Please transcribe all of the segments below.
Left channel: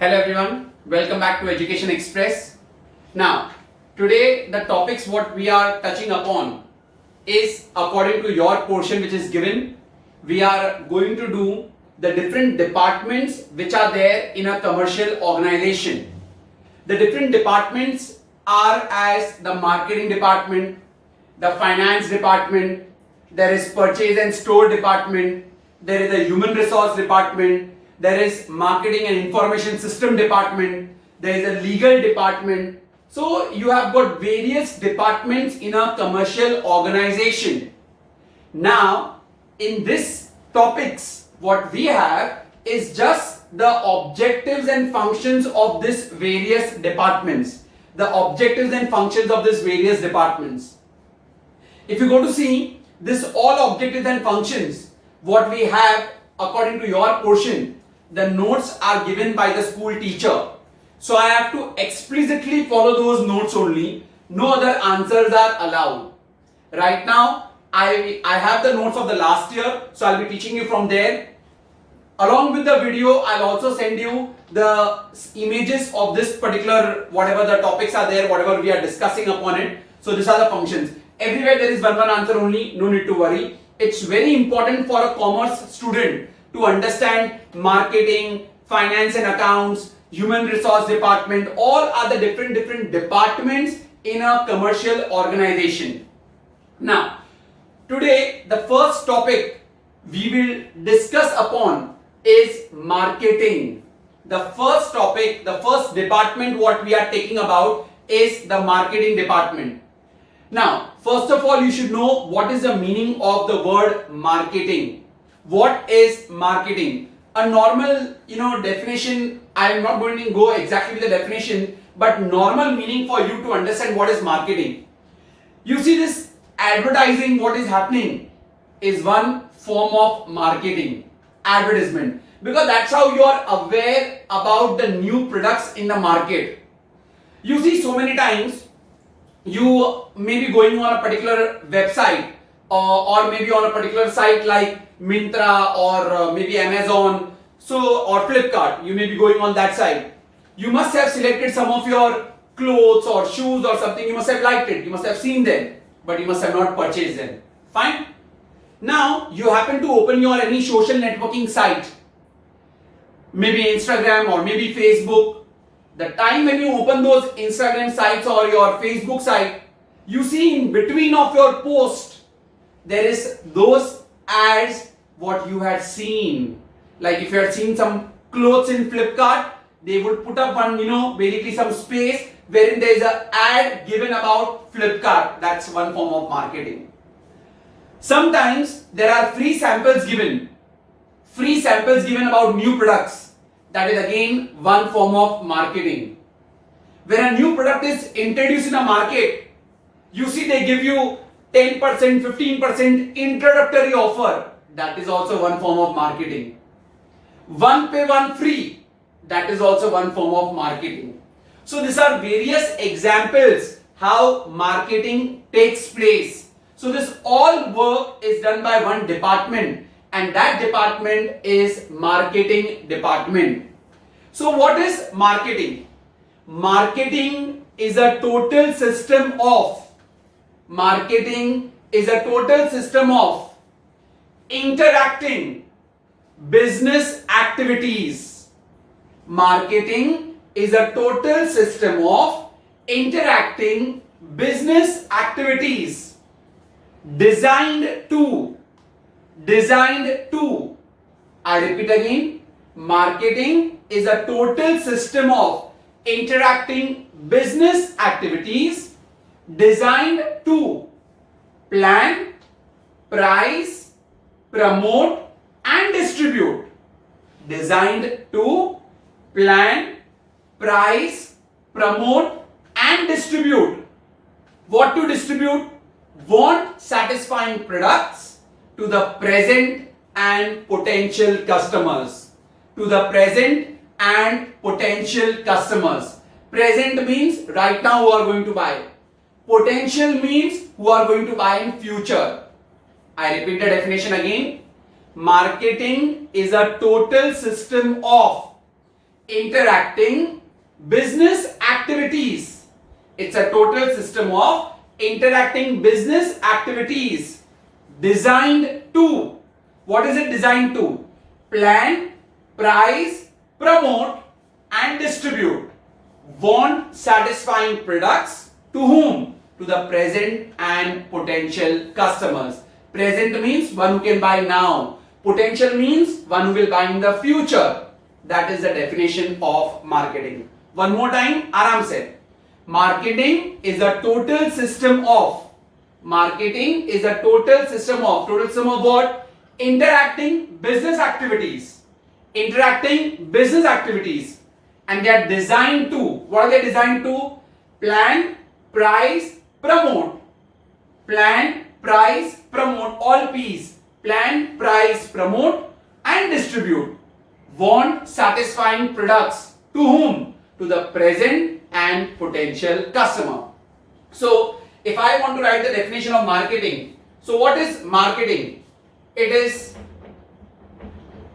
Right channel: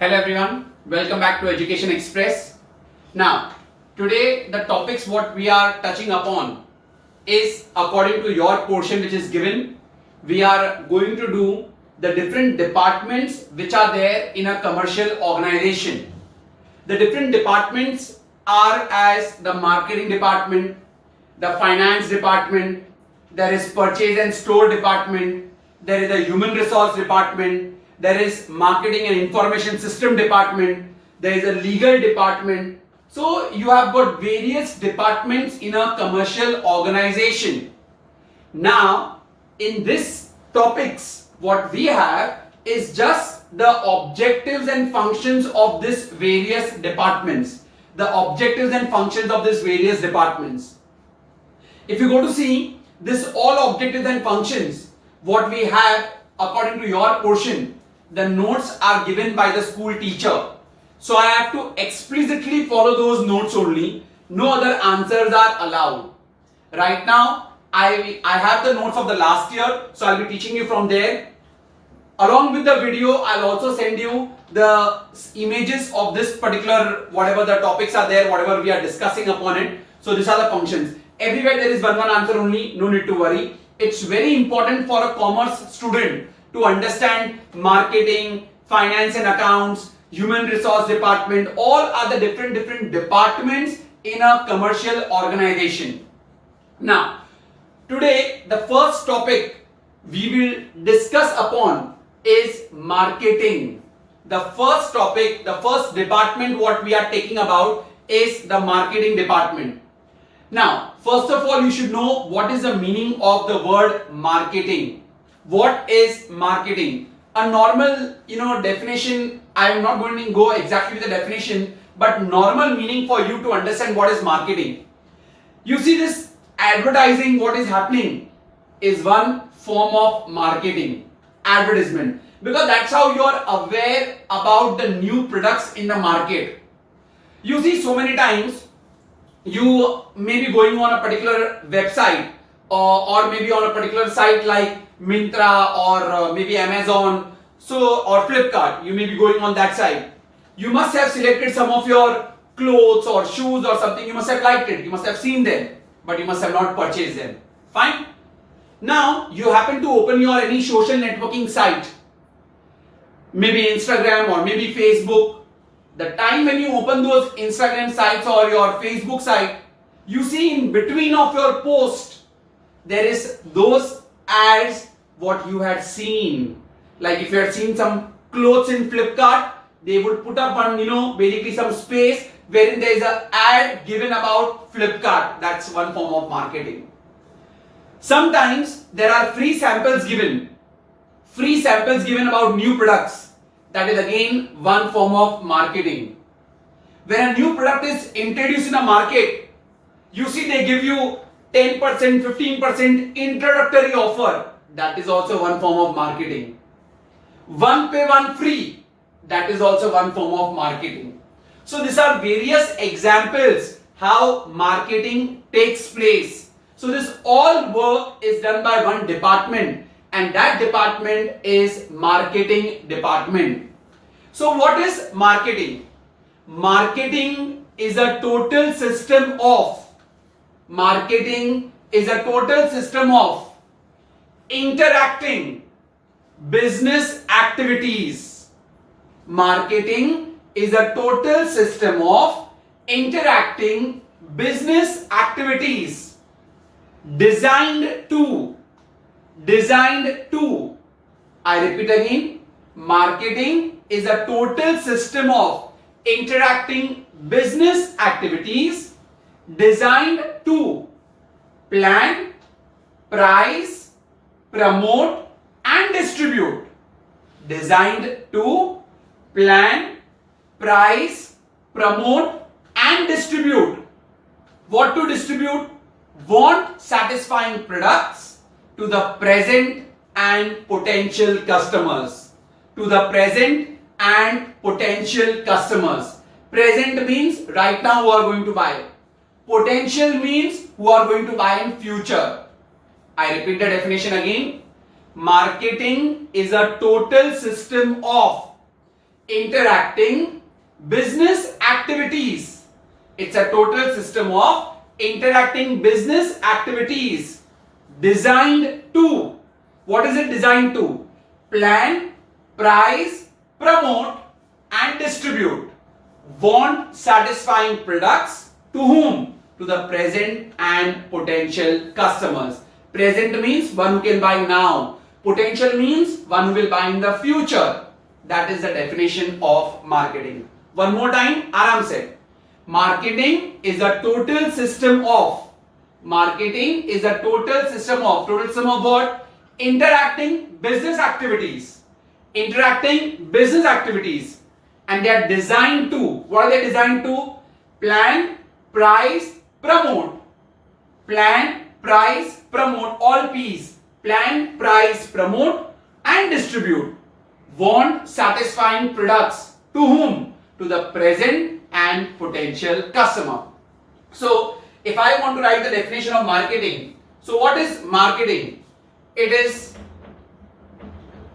Hello everyone, welcome back to Education Express. Now, today the topics what we are touching upon is according to your portion which is given. We are going to do the different departments which are there in a commercial organization. The different departments are as the marketing department, the finance department, there is purchase and store department, there is a human resource department, there is marketing and information system department, there is a legal department. So you have got various departments in a commercial organization. Now in this topics what we have is just the objectives and functions of this various departments. The objectives and functions of this various departments. If you go to see this all objectives and functions what we have according to your portion, the notes are given by the school teacher. So I have to explicitly follow those notes only. No other answers are allowed. Right now, I have the notes of the last year. So I'll be teaching you from there. Along with the video, I'll also send you the images of this particular, whatever the topics are there, whatever we are discussing upon it. So these are the functions. Everywhere there is one answer only. No need to worry. It's very important for a commerce student to understand marketing, finance and accounts, human resource department, all are the different departments in a commercial organization. Now, today the first topic we will discuss upon is marketing. The first topic, the first department what we are taking about is the marketing department. Now, first of all, you should know what is the meaning of the word marketing. What is marketing? A normal, definition, I am not going to go exactly with the definition, but normal meaning for you to understand what is marketing. You see this advertising, what is happening is one form of marketing, advertisement, because that's how you are aware about the new products in the market. You see so many times, you may be going on a particular website or maybe on a particular site like Myntra or maybe Amazon, or Flipkart. You may be going on that site. You must have selected some of your clothes or shoes or something. You must have liked it. You must have seen them, but you must have not purchased them. Fine. Now you happen to open your any social networking site, maybe Instagram or maybe Facebook. The time when you open those Instagram sites or your Facebook site, you see in between of your post there is those ads what you had seen. Like if you had seen some clothes in Flipkart, they would put up one, basically some space wherein there is an ad given about Flipkart. That's one form of marketing. Sometimes there are free samples given about new products. That is again one form of marketing. When a new product is introduced in a market, you see they give you 10%, 15% introductory offer. That is also one form of marketing. One pay, one free. That is also one form of marketing. So these are various examples how marketing takes place. So this all work is done by one department, and that department is marketing department. So what is marketing? Marketing is a total system of interacting business activities. Marketing is a total system of interacting business activities designed to, I repeat again, marketing is a total system of interacting business activities designed to plan, price, promote and distribute. Designed to plan, price, promote and distribute. What to distribute? Want satisfying products to the present and potential customers. Present means right now who are going to buy. Potential means who are going to buy in future. I repeat the definition again. Marketing is a total system of interacting business activities. It's a total system of interacting business activities designed to, what is it designed to? Plan, price, promote and distribute want satisfying products to whom? To the present and potential customers. Present means one who can buy now. Potential means one who will buy in the future. That is the definition of marketing. One more time, Aram se. Marketing is a total system of. Marketing is a total system of. Total system of what? Interacting business activities. Interacting business activities. And they are designed to. What are they designed to? Plan, price, promote. Plan, price, promote. All P's. Plan, price, promote and distribute want satisfying products to whom? To the present and potential customer. So, if I want to write the definition of marketing, so what is marketing? It is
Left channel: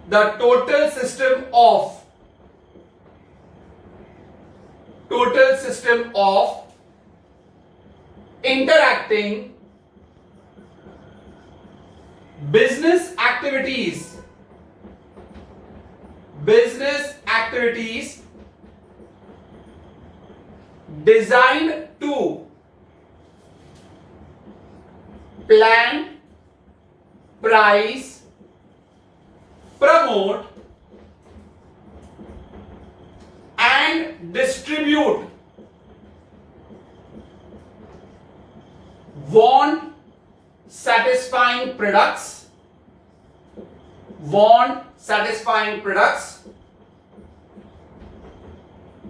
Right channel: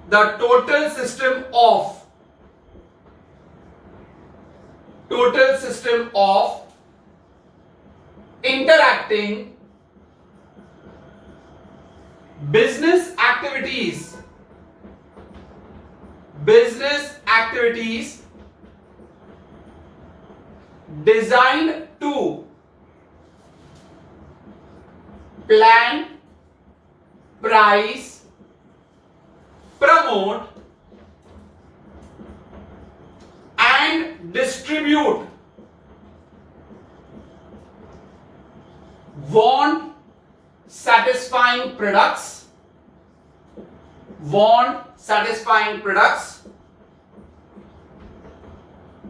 the total system of interacting business activities designed to plan, price, promote and distribute want satisfying products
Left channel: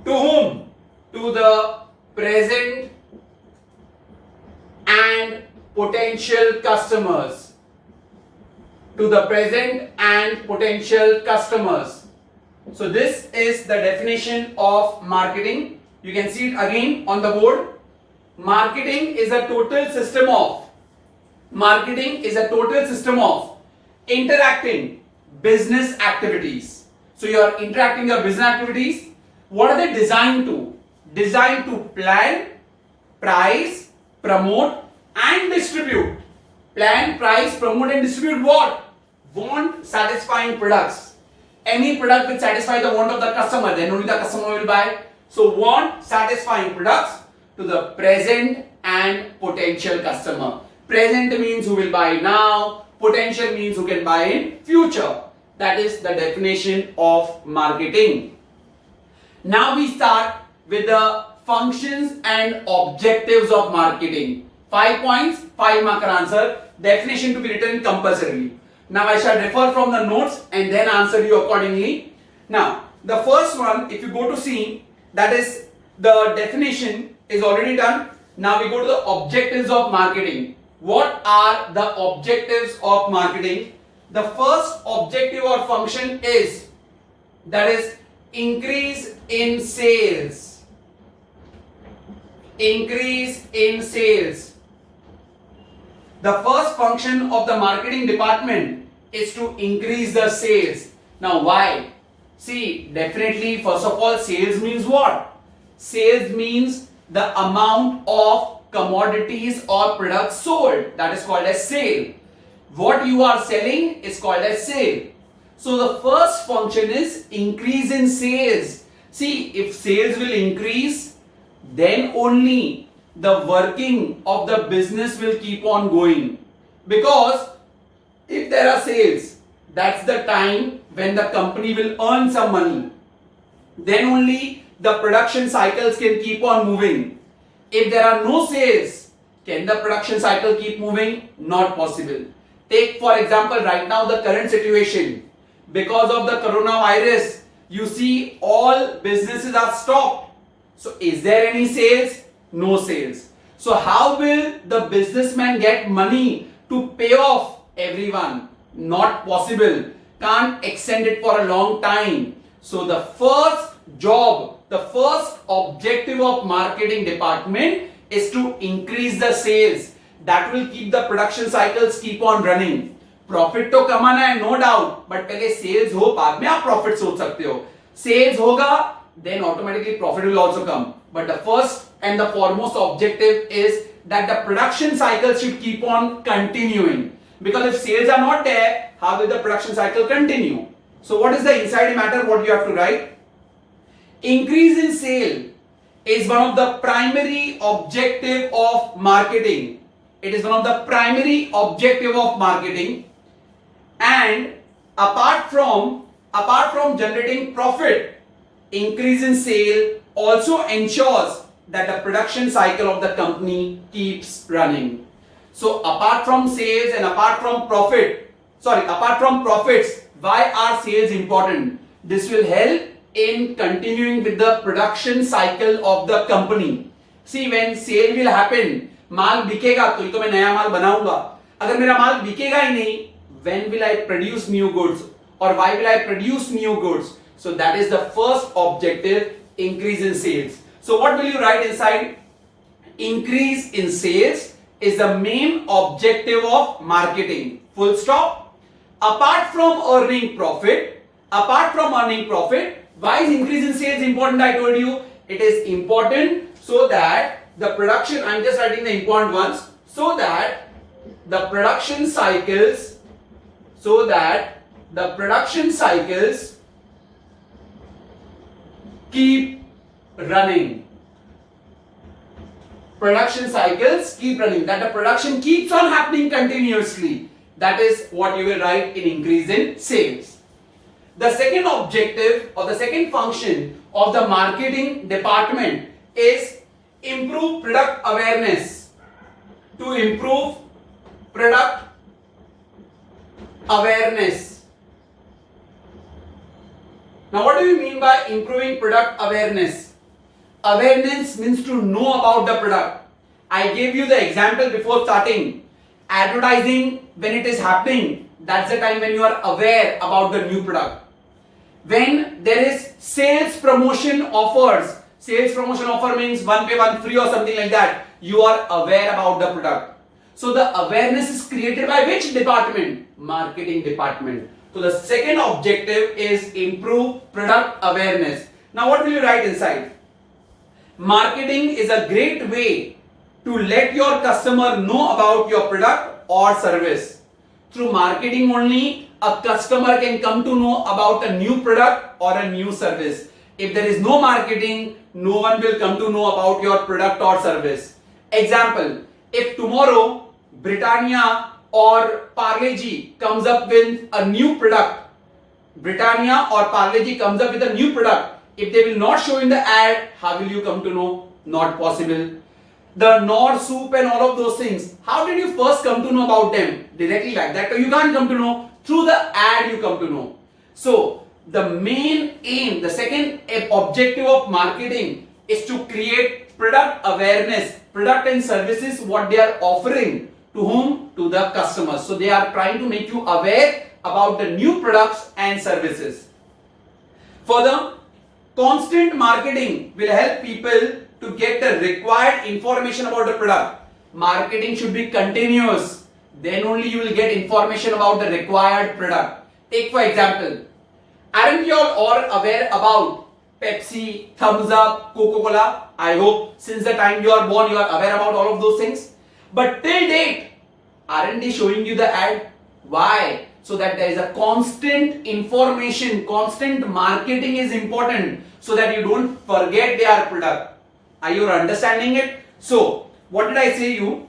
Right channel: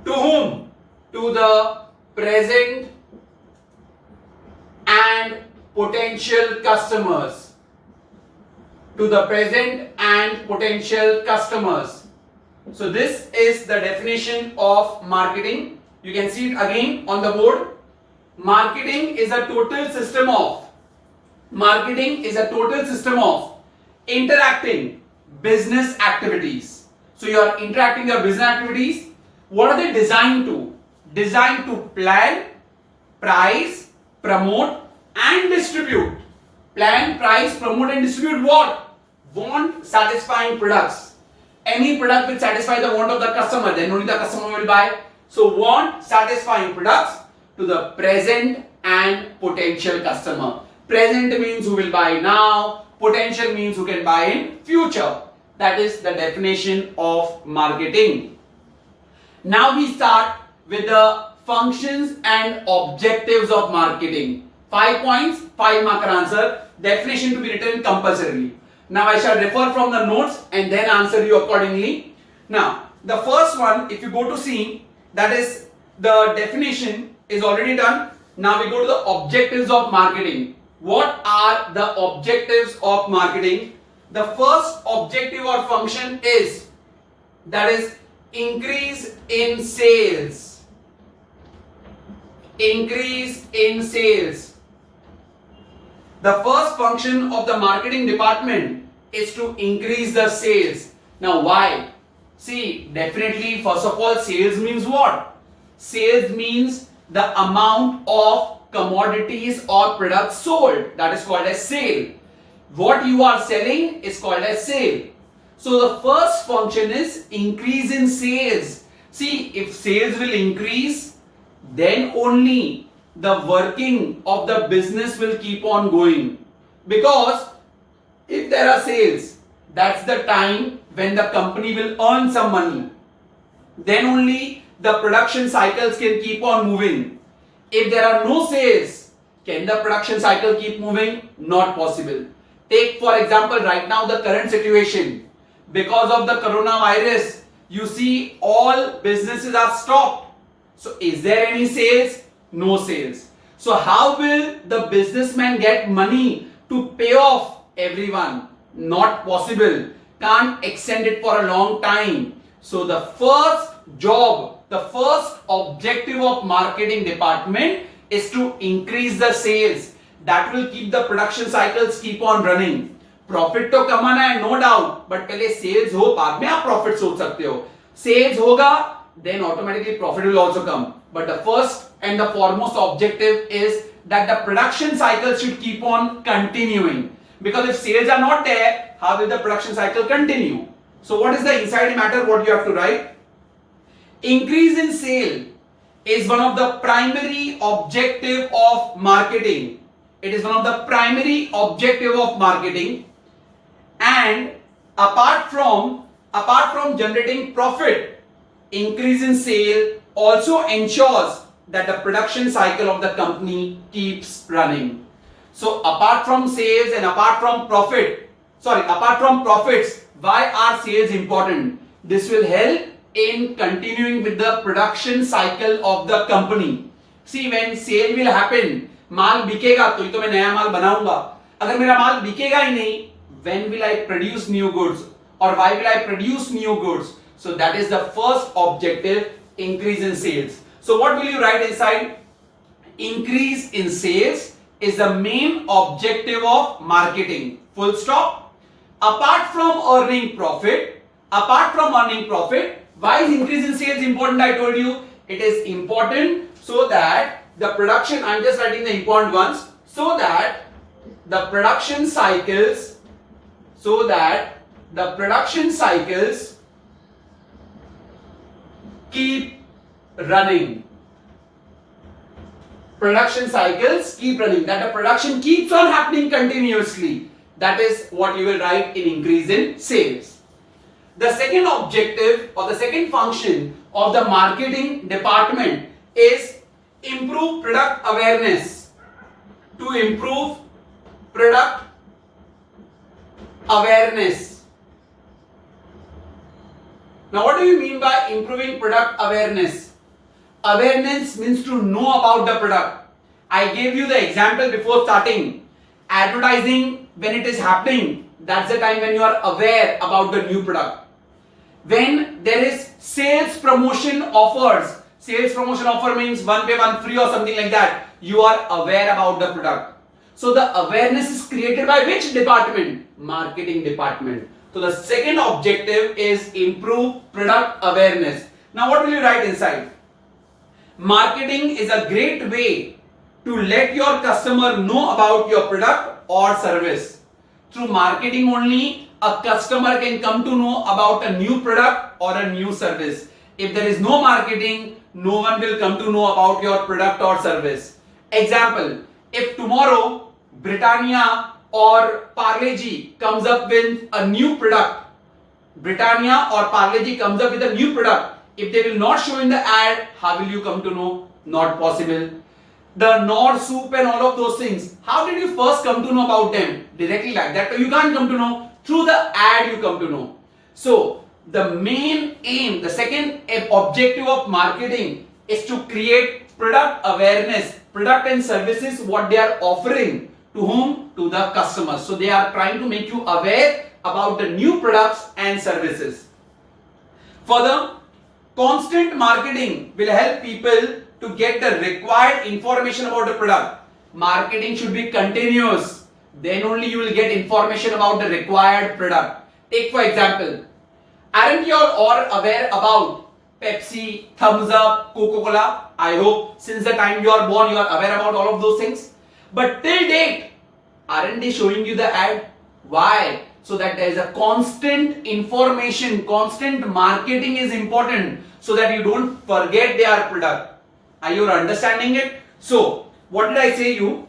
to whom? To the present and potential customers. To the present and potential customers. So this is the definition of marketing. You can see it again on the board. Marketing is a total system of interacting business activities. So you are interacting your business activities. What are they designed to? Designed to plan, price, promote and distribute. Plan, price, promote and distribute what? Want satisfying products. Any product which satisfies the want of the customer, then only the customer will buy. So want satisfying products to the present and potential customer. Present means who will buy now. Potential means who can buy in future. That is the definition of marketing. Now we start with the functions and objectives of marketing. 5 points, 5 marker answer. Definition to be written compulsorily. Now I shall refer from the notes and then answer you accordingly. Now the first one, if you go to see, that is the definition is already done. Now we go to the objectives of marketing. What are the objectives of marketing? The first objective or function is, that is, increase in sales. Increase in sales. The first function of the marketing department is to increase the sales. Now why? See, definitely first of all, sales means what? Sales means the amount of commodities or products sold. That is called as sale. What you are selling is called as sale. So the first function is increase in sales. See, if sales will increase, then only the working of the business will keep on going. Because if there are sales, that's the time when the company will earn some money. Then only the production cycles can keep on moving. If there are no sales, can the production cycle keep moving? Not possible. Take for example right now the current situation. Because of the coronavirus, you see all businesses are stopped. So is there any sales? No sales. So how will the businessman get money to pay off everyone? Not possible. Can't extend it for a long time. So the first job, the first objective of marketing department is to increase the sales. That will keep the production cycles keep on running. Profit तो कमाना है, no doubt, but पहले sales हो, बाद में आप profit सोच सकते हो. Sales hoga, then automatically profit will also come. But the first and the foremost objective is that the production cycle should keep on continuing. Because if sales are not there, how will the production cycle continue? So what is the inside matter what you have to write? Increase in sale is one of the primary objective of marketing. It is one of the primary objective of marketing, and apart from generating profit, increase in sale also ensures that the production cycle of the company keeps running. So apart from sales and apart from profits, why are sales important? This will help in continuing with the production cycle of the company. See, when sale will happen, माल बिकेगा तो मैं नया माल बनाऊंगा. अगर मेरा माल बिकेगा ही नहीं, when will I produce new goods or why will I produce new goods? So that is the first objective, increase in sales. So what will you write inside? Increase in sales is the main objective of marketing. Full stop. Apart from earning profit, why is increase in sales important? I told you it is important so that the production, I'm just writing the important ones, so that the production cycles keep running. Production cycles keep running, that the production keeps on happening continuously. That is what you will write in increase in sales. The second objective or the second function of the marketing department is improve product awareness. To improve product awareness. Now what do you mean by improving product awareness? Awareness means to know about the product. I gave you the example before starting. Advertising, when it is happening, that's the time when you are aware about the new product. When there is sales promotion offers, sales promotion offer means one pay one free or something like that, you are aware about the product. So the awareness is created by which department? Marketing department. So the second objective is improve product awareness. Now what will you write inside? Marketing is a great way to let your customer know about your product or service. Through marketing only, a customer can come to know about a new product or a new service. If there is no marketing, no one will come to know about your product or service. Example, if tomorrow Britannia or Parle-G comes up with a new product, if they will not show in the ad, how will you come to know? Not possible. The Knorr soup and all of those things, how did you first come to know about them? Directly like that, you can't come to know. Through the ad you come to know. So the main aim, the second objective of marketing is to create product awareness, product and services what they are offering. To whom? To the customers. So they are trying to make you aware about the new products and services. Further, constant marketing will help people to get the required information about the product. Marketing should be continuous. Then only you will get information about the required product. Take for example, aren't you all aware about Pepsi, Thumbs Up, Coca-Cola? I hope since the time you are born you are aware about all of those things. But till date, aren't they showing you the ad? Why? So that there is a constant information, constant marketing is important so that you don't forget their product. Are you understanding it? So, what did I say you?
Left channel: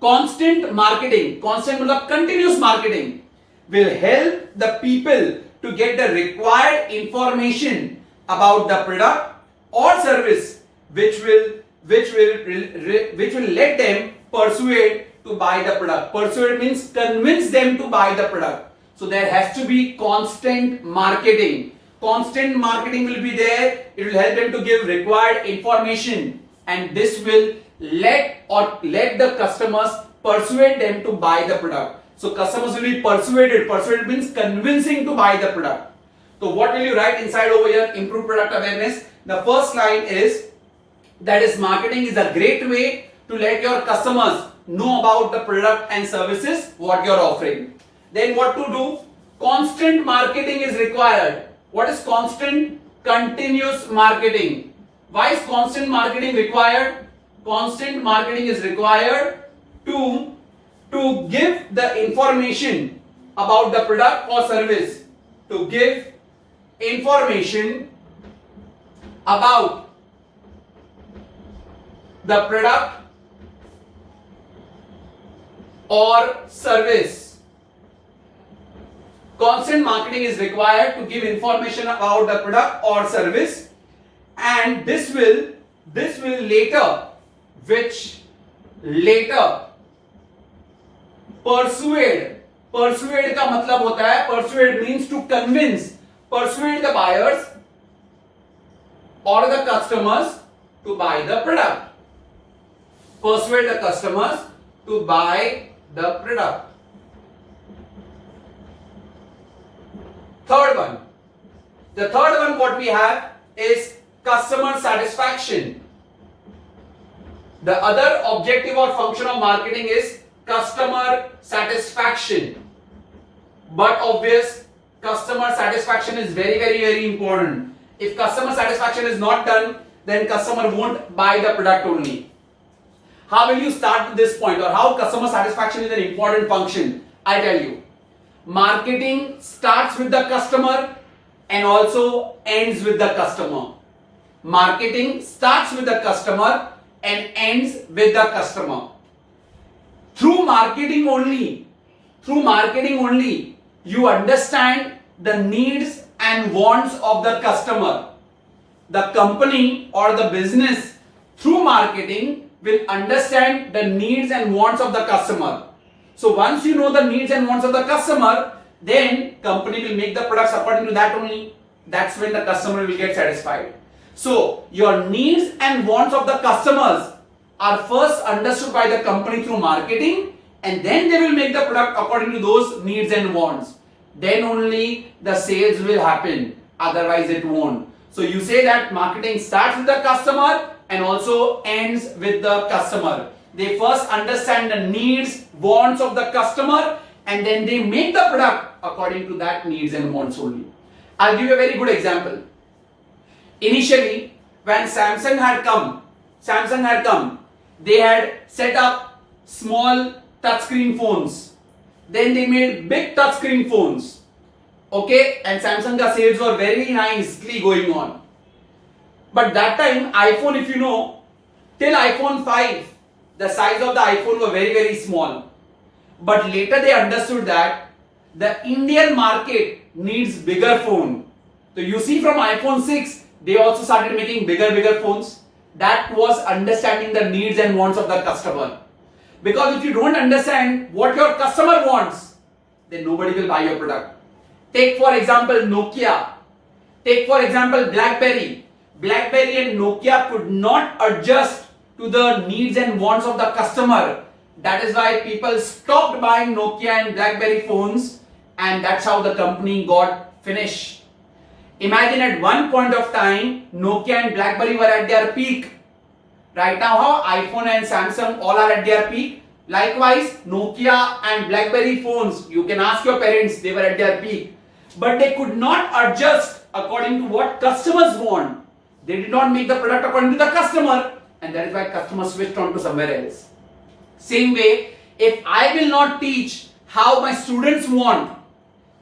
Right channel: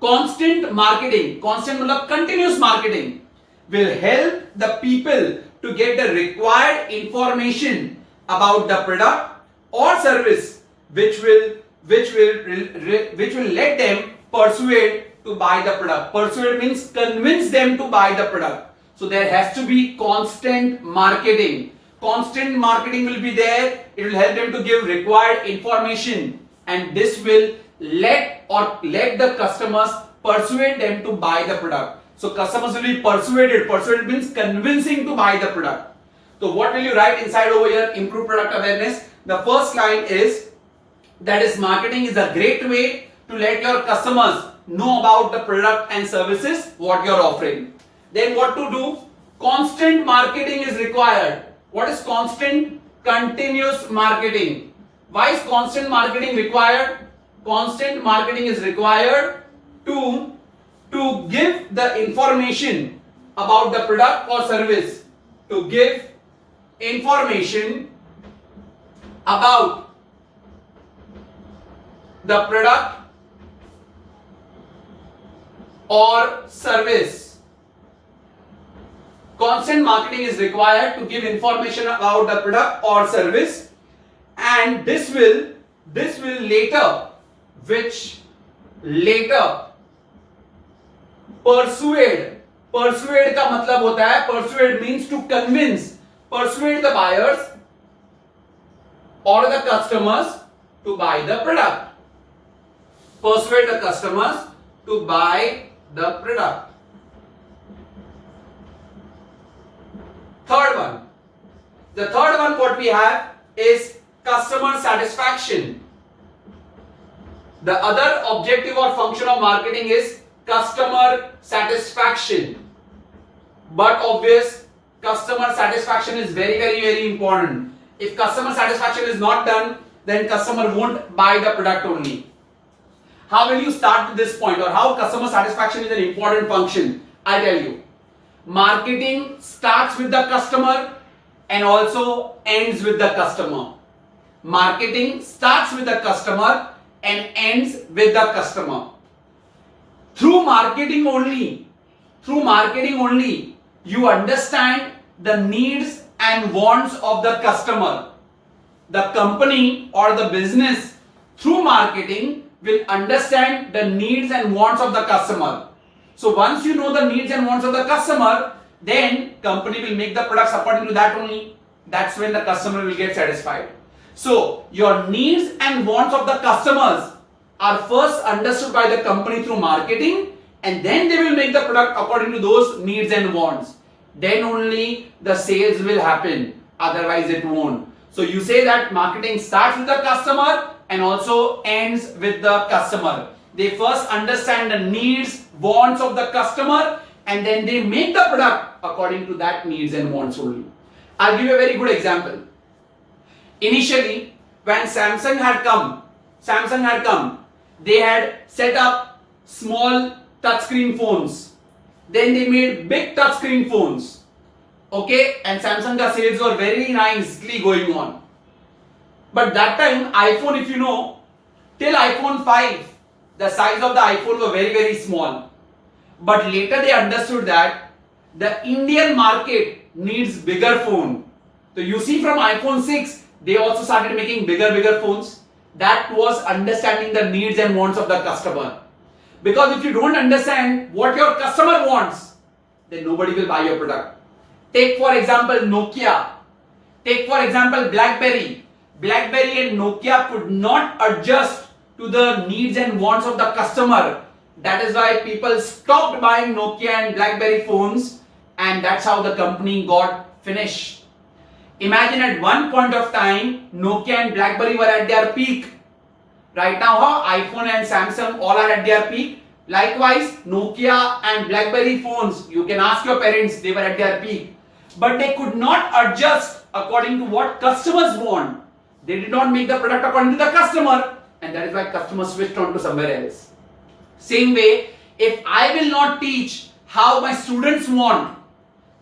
Constant marketing, constant means continuous marketing will help the people to get the required information about the product or service which will let them persuade to buy the product. Persuade means convince them to buy the product. So there has to be constant marketing. Constant marketing will be there. It will help them to give required information, and this will let the customers persuade them to buy the product. So customers will be persuaded. Persuaded means convincing to buy the product. So what will you write inside over here? Improve product awareness. The first line is, that is, marketing is a great way to let your customers know about the product and services what you are offering. Then what to do? Constant marketing is required. What is constant? continuous marketing. Why is constant marketing required? Constant marketing is required to give the information about the product or service. To give information about the product or service. Constant marketing is required to give information about the product or service, and this will later persuade का मतलब होता है, persuade means to convince, persuade the buyers or the customers to buy the product. Persuade the customers to buy the product. Third one. The third one what we have is customer satisfaction. The other objective or function of marketing is customer satisfaction. But obvious, customer satisfaction is very, very, very important. If customer satisfaction is not done, then customer won't buy the product only. How will you start to this point, or how customer satisfaction is an important function? I tell you. Marketing starts with the customer and also ends with the customer. Marketing starts with the customer and ends with the customer. Through marketing only, you understand the needs and wants of the customer. The company or the business through marketing will understand the needs and wants of the customer. So once you know the needs and wants of the customer, then company will make the products according to that only. That's when the customer will get satisfied. So your needs and wants of the customers are first understood by the company through marketing, and then they will make the product according to those needs and wants. Then only the sales will happen. Otherwise it won't. So you say that marketing starts with the customer and also ends with the customer. They first understand the needs, wants of the customer, and then they make the product according to that needs and wants only. I'll give you a very good example. Initially, when Samsung had come, they had set up small touchscreen phones. Then they made big touchscreen phones. Okay, and Samsung ka sales were very nicely going on. But that time, iPhone, if you know, till iPhone 5, the size of the iPhone were very, very small. But later they understood that the Indian market needs bigger phone. So you see from iPhone 6, they also started making bigger phones. That was understanding the needs and wants of the customer. Because if you don't understand what your customer wants, then nobody will buy your product. Take for example Nokia. Take for example BlackBerry. BlackBerry and Nokia could not adjust to the needs and wants of the customer. That is why people stopped buying Nokia and BlackBerry phones, and that's how the company got finished. Imagine at one point of time, Nokia and BlackBerry were at their peak. Right now, how iPhone and Samsung all are at their peak. Likewise, Nokia and BlackBerry phones, you can ask your parents, they were at their peak. But they could not adjust according to what customers want. They did not make the product according to the customer, and that is why customers switched on to somewhere else. Same way, if I will not teach how my students want,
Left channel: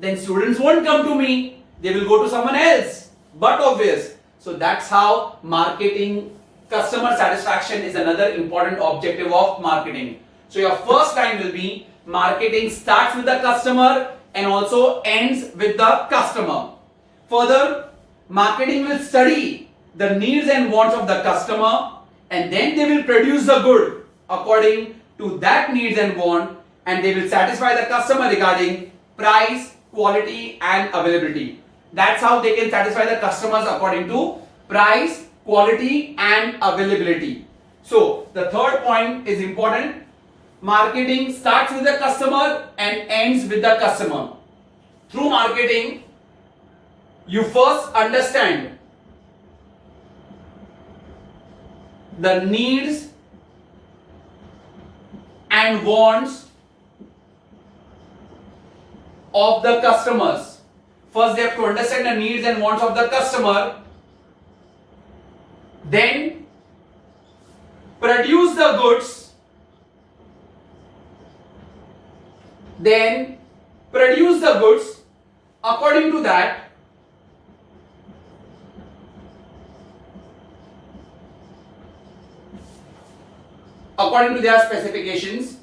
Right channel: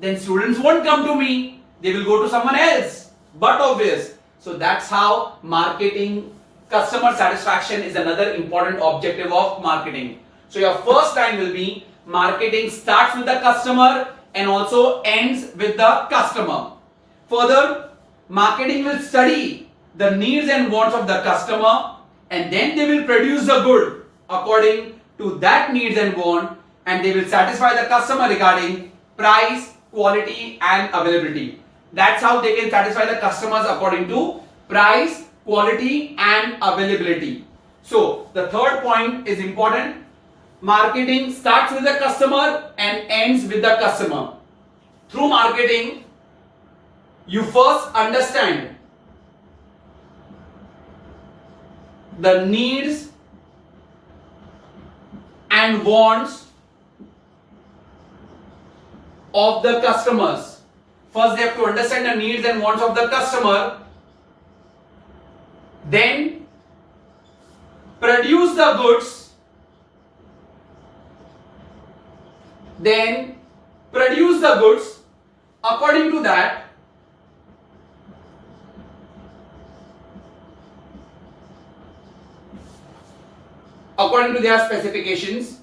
then students won't come to me. They will go to someone else. But obvious. So that's how marketing, customer satisfaction is another important objective of marketing. So your first line will be marketing starts with the customer and also ends with the customer. Further, marketing will study the needs and wants of the customer, and then they will produce the good according to that needs and want, and they will satisfy the customer regarding price, quality and availability. That's how they can satisfy the customers according to price, quality and availability. So the third point is important. Marketing starts with the customer and ends with the customer. Through marketing, you first understand the needs and wants of the customers. First, they have to understand the needs and wants of the customer, then produce the goods, according to that, according to their specifications.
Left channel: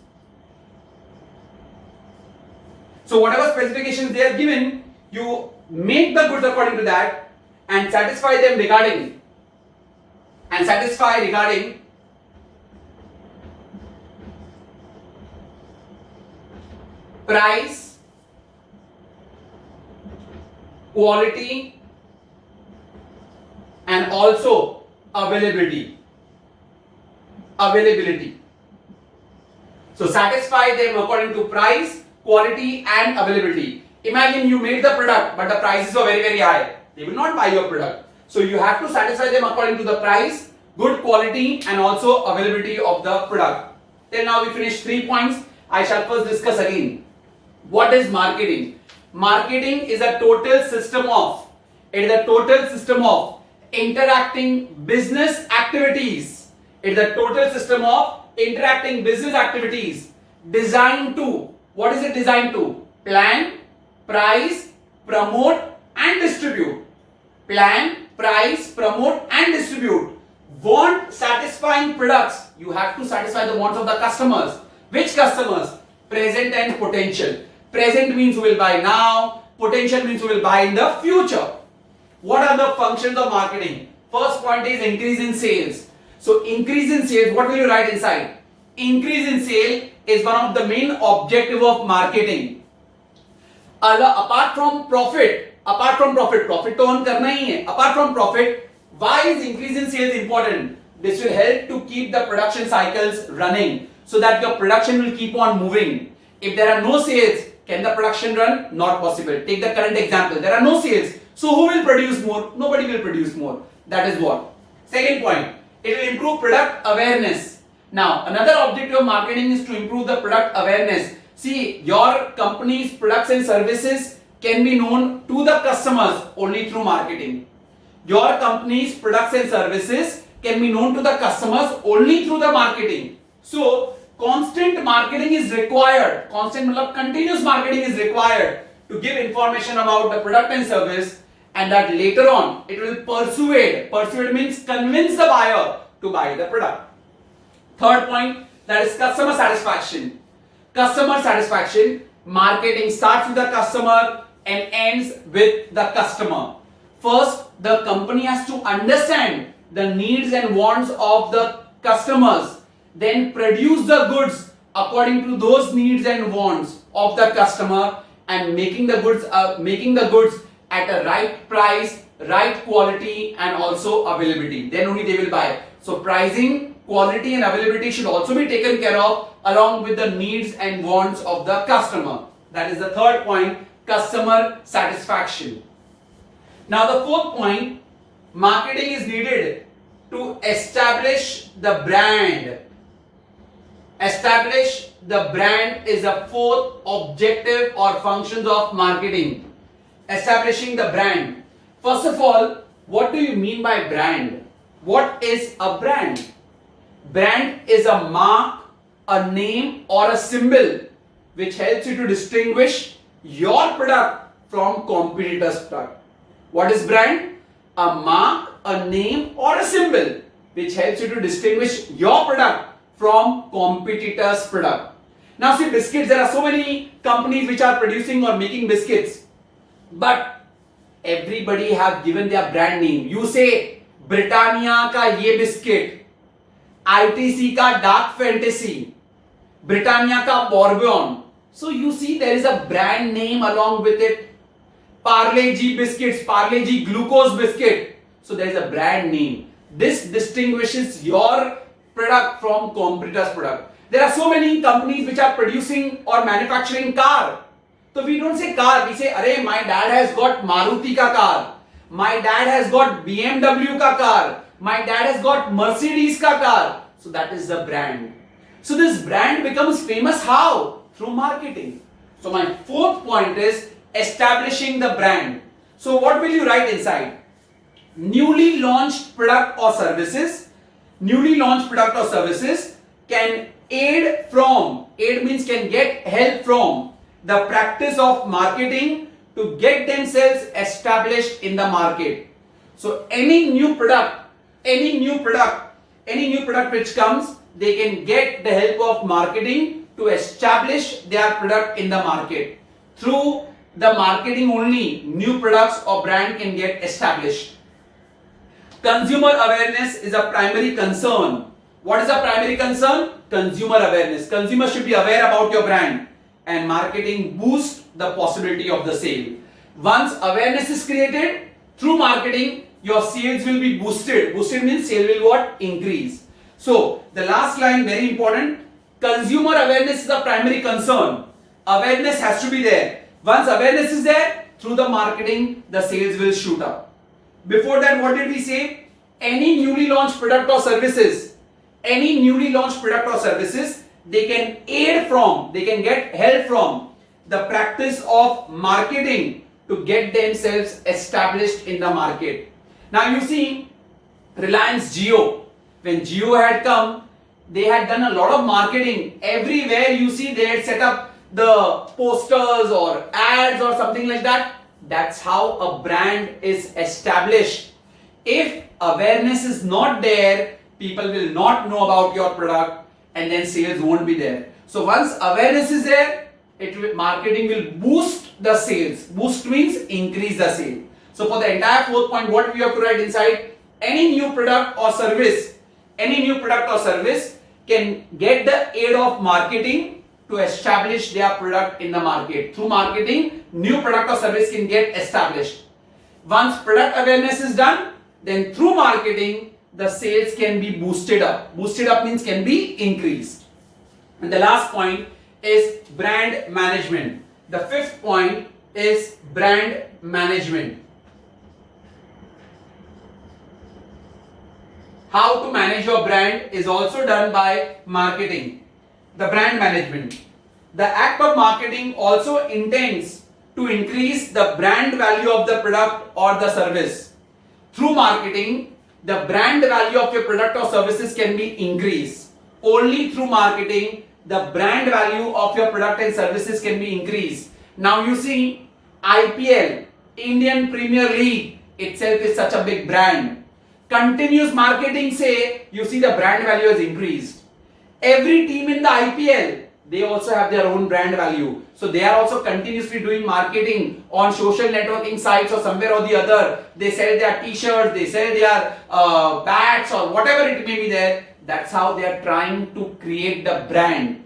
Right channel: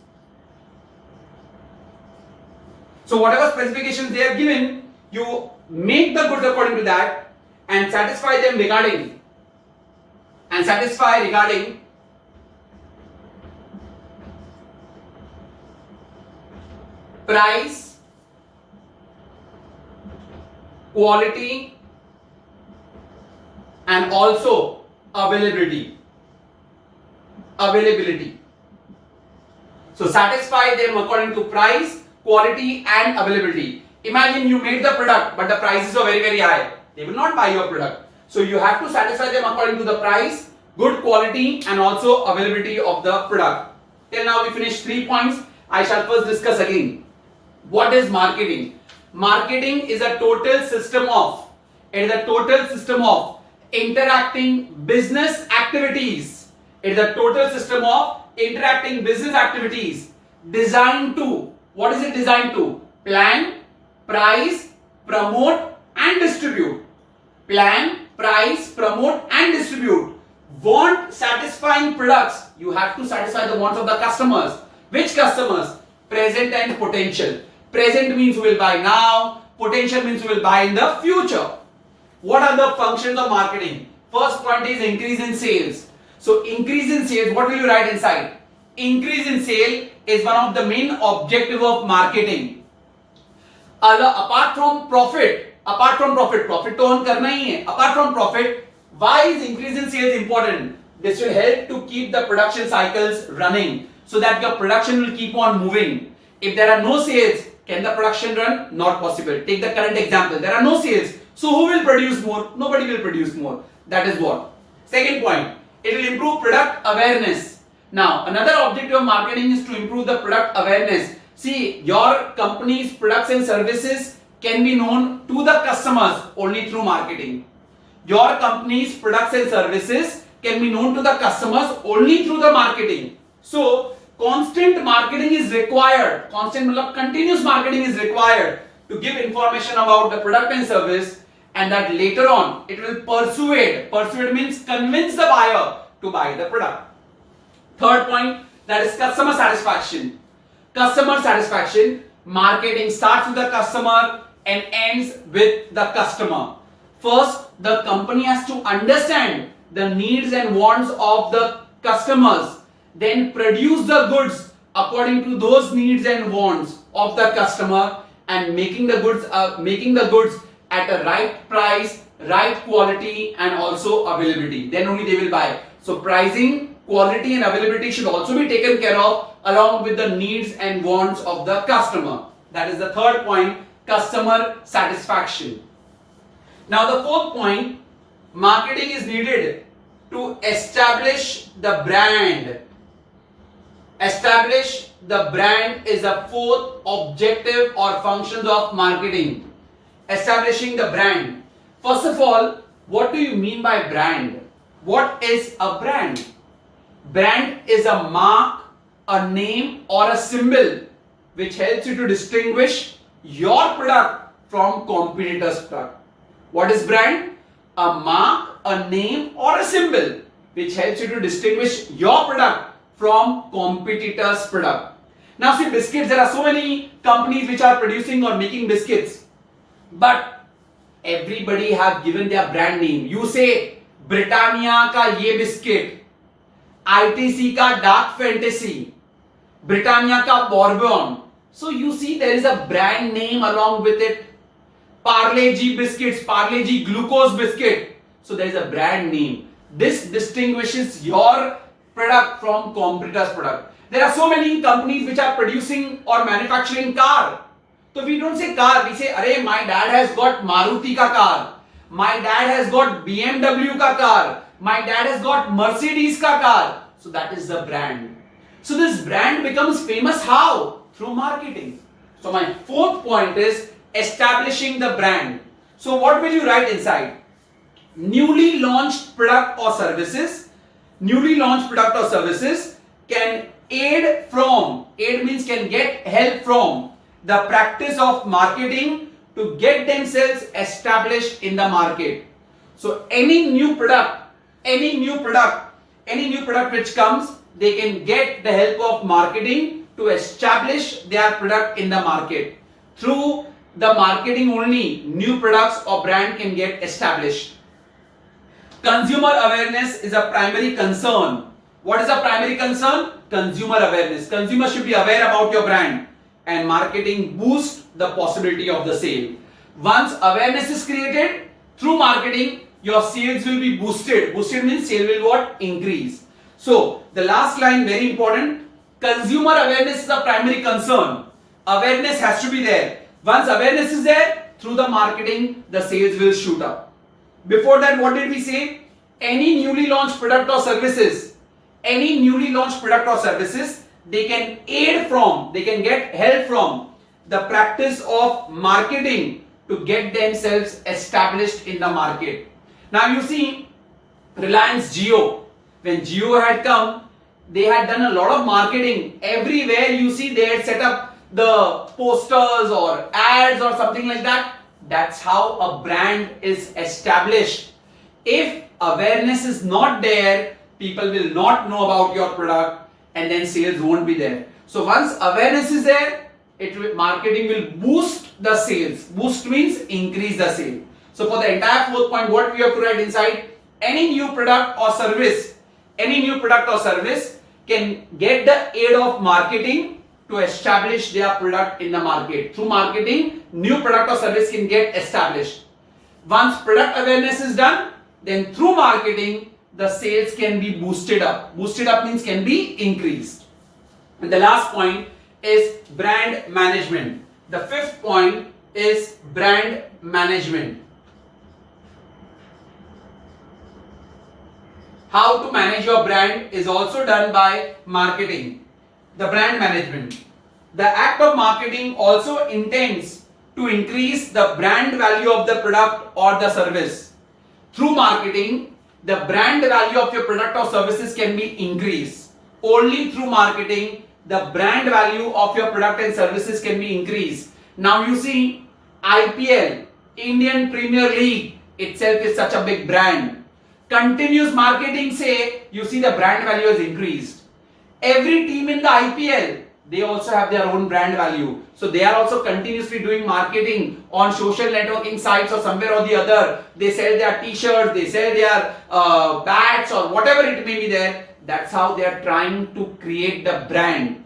So whatever specifications they are given, you make the goods according to that and satisfy regarding price, quality, and also availability. So satisfy them according to price, quality, and availability. Imagine you made the product, but the prices are very, very high. They will not buy your product. So you have to satisfy them according to the price, good quality, and also availability of the product. Till now we finished 3 points. I shall first discuss again. What is marketing? Marketing is a total system of interacting business activities. It is a total system of interacting business activities designed to, what is it designed to? Plan, price, promote, and distribute. Plan, price, promote, and distribute. Want satisfying products. You have to satisfy the wants of the customers. Which customers? Present and potential. Present means who will buy now. Potential means who will buy in the future. What are the functions of marketing? First point is increase in sales. So increase in sales, what will you write inside? Increase in sale is one of the main objective of marketing. Apart from profit to earn karna hi hai. Apart from profit, why is increase in sales important? This will help to keep the production cycles running so that your production will keep on moving. If there are no sales, can the production run? Not possible. Take the current example. There are no sales. So who will produce more? Nobody will produce more. That is what. Second point. It will improve product awareness. Now, another objective of marketing is to improve the product awareness. See, your company's products and services can be known to the customers only through marketing. Your company's products and services can be known to the customers only through the marketing. So, constant marketing is required. Continuous marketing is required to give information about the product and service, and that later on it will persuade means convince the buyer to buy the product. Third point, that is customer satisfaction. Marketing starts with the customer and ends with the customer. First, the company has to understand the needs and wants of the customers, then produce the goods according to those needs and wants of the customer, and making the goods at a right price, right quality, and also availability. Then only they will buy. So pricing, quality, and availability should also be taken care of along with the needs and wants of the customer. That is the third point, customer satisfaction. Now the fourth point, marketing is needed to establish the brand. Establish the brand is the fourth objective or functions of marketing. Establishing the brand. First of all, what do you mean by brand? What is a brand? Brand is a mark, a name, or a symbol which helps you to distinguish your product from competitors' product. What is brand? A mark, a name, or a symbol which helps you to distinguish your product from competitors' product. Now see, biscuits, there are so many companies which are producing or making biscuits, but everybody have given their brand name. You say Britannia ka ye biscuit, ITC ka Dark Fantasy, Britannia ka Bourbon. So you see there is a brand name along with it. Parle-G biscuits, Parle-G glucose biscuit. So there is a brand name. This distinguishes your product from competitors' product. There are so many companies which are producing or manufacturing car. So we don't say car, we say, "Arey, my dad has got Maruti ka car. My dad has got BMW ka car. My dad has got Mercedes ka car." So that is the brand. So this brand becomes famous how? Through marketing. So my fourth point is establishing the brand. So what will you write inside? newly launched product or services, can aid means can get help from the practice of marketing to get themselves established in the market. So any new product which comes, they can get the help of marketing to establish their product in the market. Through the marketing only, new products or brand can get established. Consumer awareness is a primary concern. What is a primary concern? Consumer awareness. Consumers should be aware about your brand, and marketing boosts the possibility of the sale. Once awareness is created through marketing, your sales will be boosted. Boosted means sale will what? Increase. So the last line, very important. Consumer awareness is a primary concern. Awareness has to be there. Once awareness is there, through the marketing, the sales will shoot up. Before that, what did we say? Any newly launched product or services, they can get help from the practice of marketing to get themselves established in the market. Now you see, Reliance Jio, when Jio had come, they had done a lot of marketing. Everywhere you see, they had set up the posters or ads or something like that. That's how a brand is established. If awareness is not there, people will not know about your product, and then sales won't be there. So once awareness is there, marketing will boost the sales. Boost means increase the sale. So for the entire fourth point, what we have to write inside? Any new product or service can get the aid of marketing to establish their product in the market. Through marketing, new product or service can get established. Once product awareness is done, then through marketing, the sales can be boosted up. Boosted up means can be increased. And the last point is brand management. The fifth point is brand management. How to manage your brand is also done by marketing. The brand management. The act of marketing also intends to increase the brand value of the product or the service. Through marketing, the brand value of your product or services can be increased. Only through marketing, the brand value of your product and services can be increased. Now you see, IPL, Indian Premier League itself is such a big brand. Continuous marketing say, you see the brand value has increased. Every team in the IPL, they also have their own brand value. So they are also continuously doing marketing on social networking sites or somewhere or the other. They sell their t-shirts, they sell their bats or whatever it may be there. That's how they are trying to create the brand.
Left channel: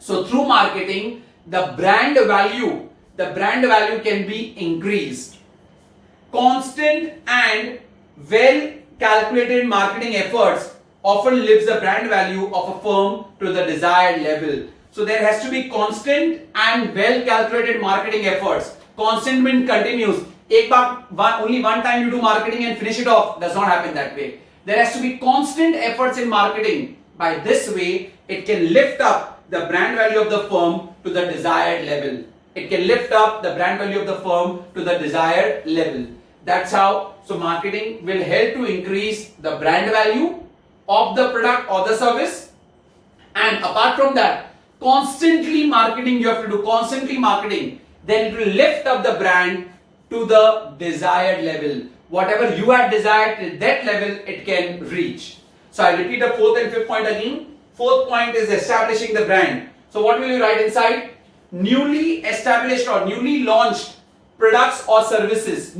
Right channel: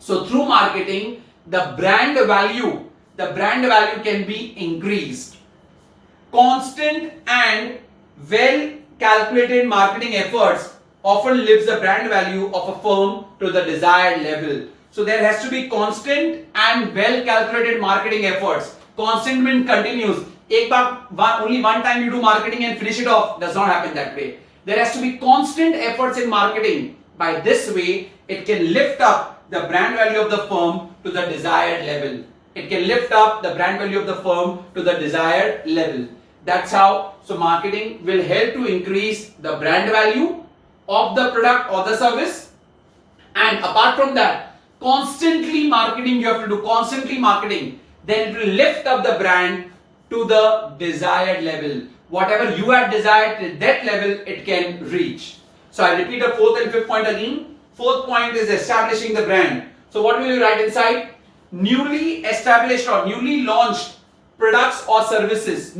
So through marketing, the brand value can be increased. Constant and well calculated marketing efforts often lifts the brand value of a firm to the desired level. So there has to be constant and well calculated marketing efforts. Constant means continuous. Only one time you do marketing and finish it off. Does not happen that way. There has to be constant efforts in marketing. By this way, it can lift up the brand value of the firm to the desired level. That's how. So marketing will help to increase the brand value of the product or the service. And apart from that, constantly marketing you have to do. Then it will lift up the brand to the desired level. Whatever you had desired, to that level it can reach. So I repeat the fourth and fifth point again. Fourth point is establishing the brand. So what will you write inside? Newly established or newly launched products or services.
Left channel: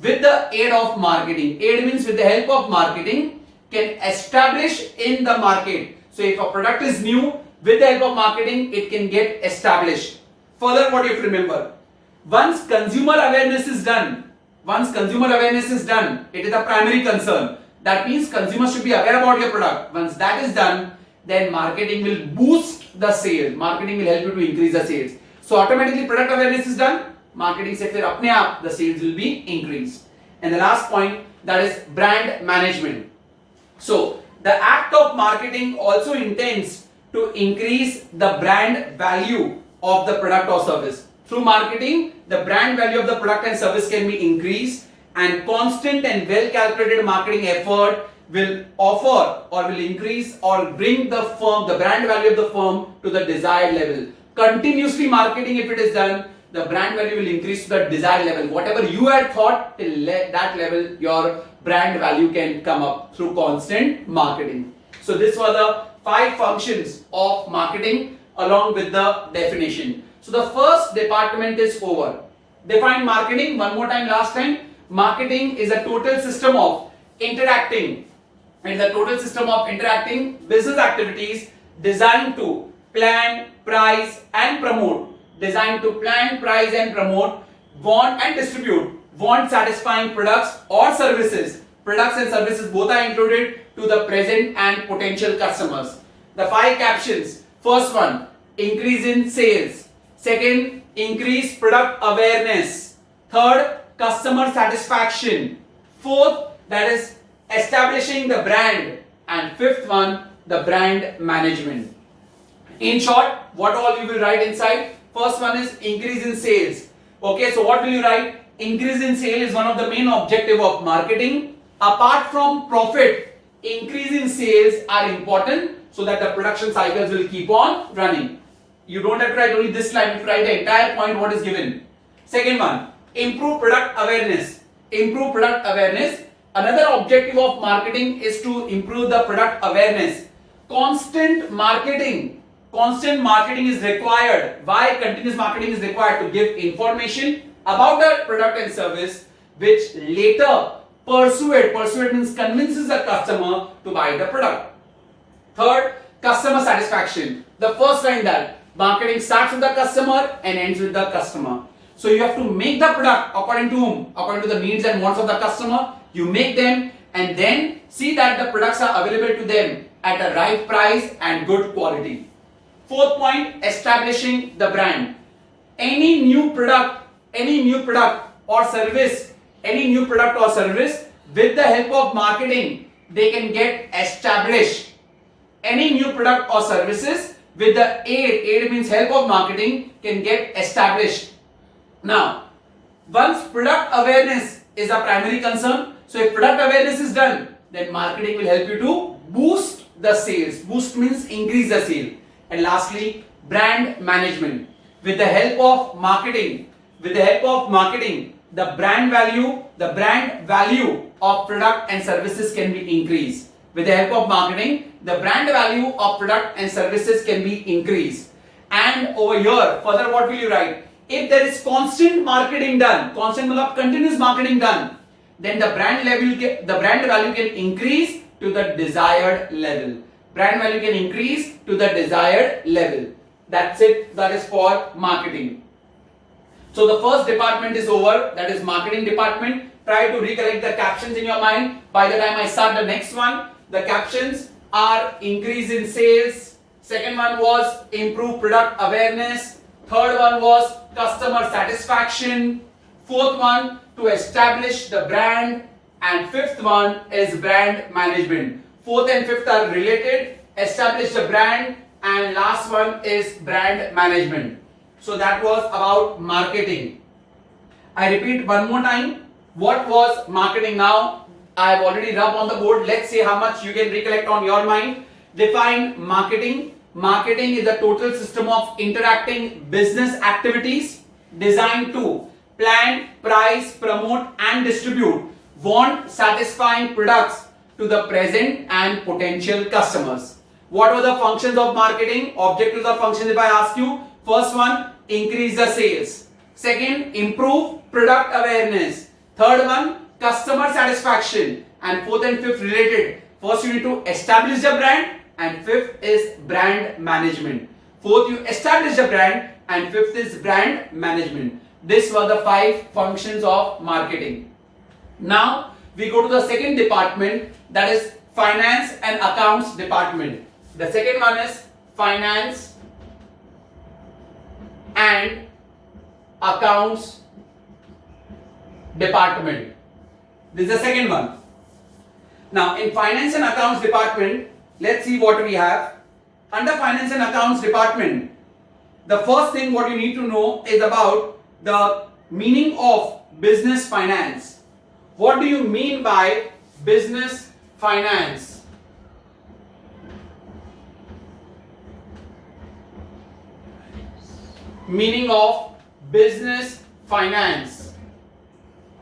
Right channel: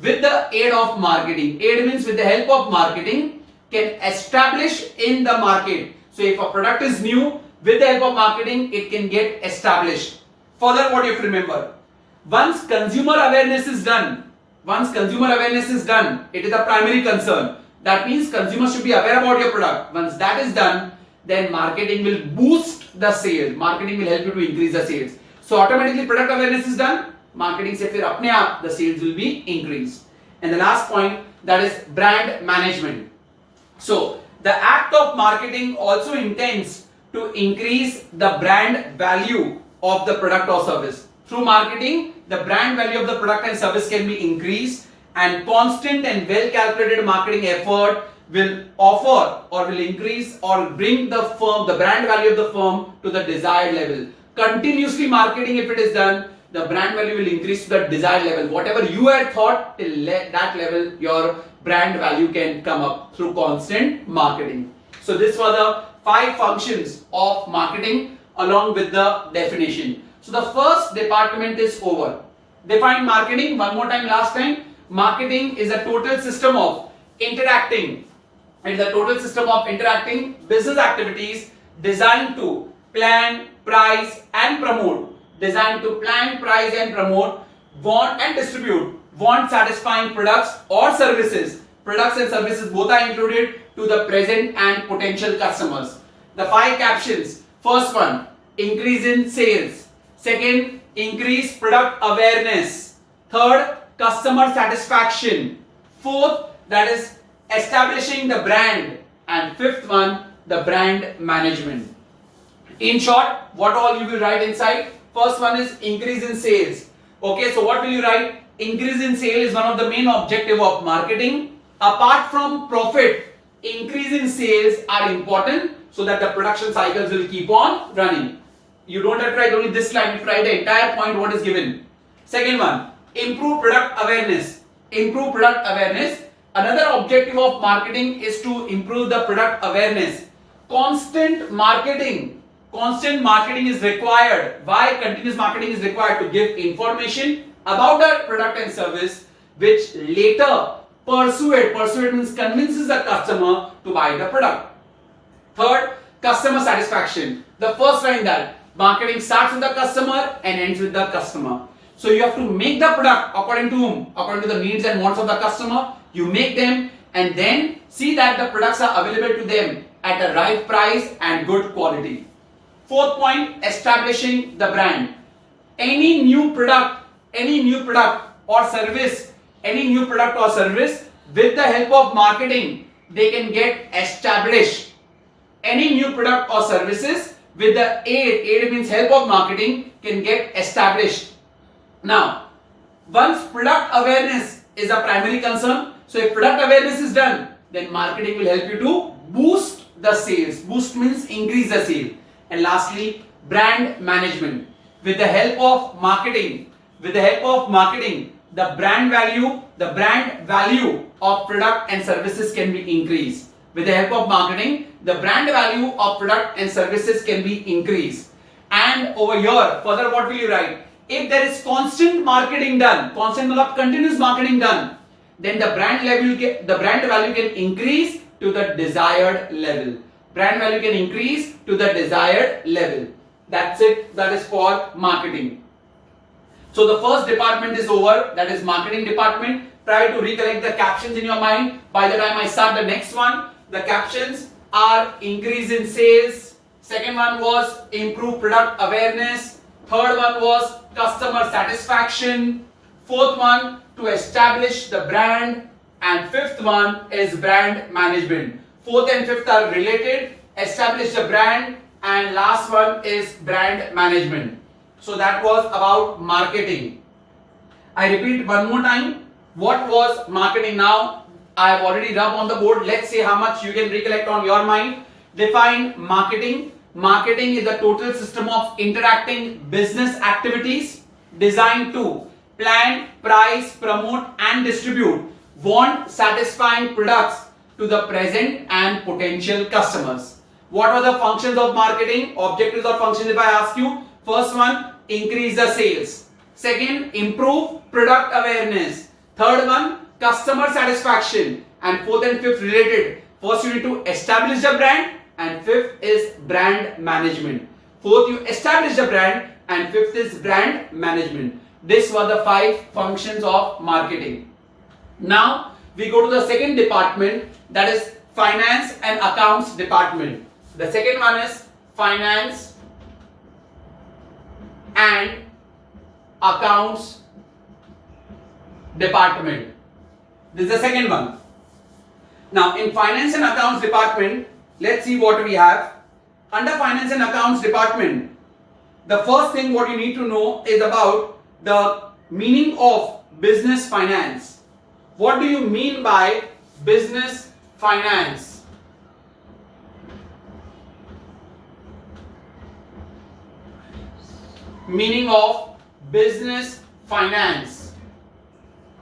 With the aid of marketing. Aid means with the help of marketing can establish in the market. So if a product is new, with the help of marketing, it can get established. Further, what you have to remember? Once consumer awareness is done, it is a primary concern. That means consumers should be aware about your product. Once that is done, then marketing will boost the sales. Marketing will help you to increase the sales. So automatically product awareness is done. Marketing se fir apne aap the sales will be increased. And the last point, that is brand management. So the act of marketing also intends to increase the brand value of the product or service. Through marketing, the brand value of the product and service can be increased. and constant and well calculated marketing effort will offer or will increase or bring the firm, the brand value of the firm to the desired level. Continuously marketing, if it is done, the brand value will increase to the desired level. Whatever you had thought, till that level, your brand value can come up through constant marketing. So this were the 5 functions of marketing along with the definition. So the first department is over. Define marketing one more time, last time. Marketing is a total system of interacting. It is a total system of interacting business activities designed to plan, price and promote. Designed to plan, price and promote, want and distribute, want satisfying products or services. Products and services both are included to the present and potential customers. The 5 captions. First one, increase in sales. Second, increase product awareness. Third, customer satisfaction. Fourth, that is establishing the brand. And fifth one, the brand management. In short, what all you will write inside? First one is increase in sales. Okay, so what will you write? Increase in sales is one of the main objective of marketing. Apart from profit, increase in sales are important so that the production cycles will keep on running. You don't have to write only this line, you have to write the entire point what is given. Second one, improve product awareness. Improve product awareness. Another objective of marketing is to improve the product awareness. Constant marketing is required. Why continuous marketing is required? To give information about the product and service which later persuade means convinces the customer to buy the product. Third, customer satisfaction. The first line that marketing starts with the customer and ends with the customer. So you have to make the product according to whom? According to the needs and wants of the customer. You make them and then see that the products are available to them at a right price and good quality. Fourth point, establishing the brand. Any new product or service with the help of marketing, they can get established. Any new product or services with the aid means help of marketing can get established. Now, once product awareness is a primary concern, so if product awareness is done, then marketing will help you to boost the sales. Boost means increase the sale. And lastly, brand management. With the help of marketing, the brand value of product and services can be increased. With the help of marketing, the brand value of product and services can be increased. And over here, further what will you write? If there is constant marketing done, continuous marketing done, then the brand value can increase to the desired level. Brand value can increase to the desired level. That's it. That is for marketing. So the first department is over. That is marketing department. Try to recollect the captions in your mind. By the time I start the next one, the captions are increase in sales. Second one was improve product awareness. Third one was customer satisfaction. Fourth one, to establish the brand. And fifth one is brand management. Fourth and fifth are related. Establish the brand. And last one is brand management. So that was about marketing. I repeat one more time. What was marketing? Now I have already rubbed on the board. Let's see how much you can recollect on your mind. Define marketing. Marketing is a total system of interacting business activities designed to plan, price, promote and distribute want satisfying products to the present and potential customers. What are the functions of marketing? Objectives or functions if I ask you. First one, increase the sales. Second, improve product awareness. Third one, customer satisfaction. And fourth and fifth related. First you need to establish the brand and fifth is brand management. Fourth you establish the brand and fifth is brand management. These were the 5 functions of marketing. Now we go to the second department, that is finance and accounts department. The second one is finance and accounts department. This is the second one. Now in finance and accounts department, let's see what we have. Under finance and accounts department, the first thing what you need to know is about the meaning of business finance. What do you mean by business finance? Meaning of business finance.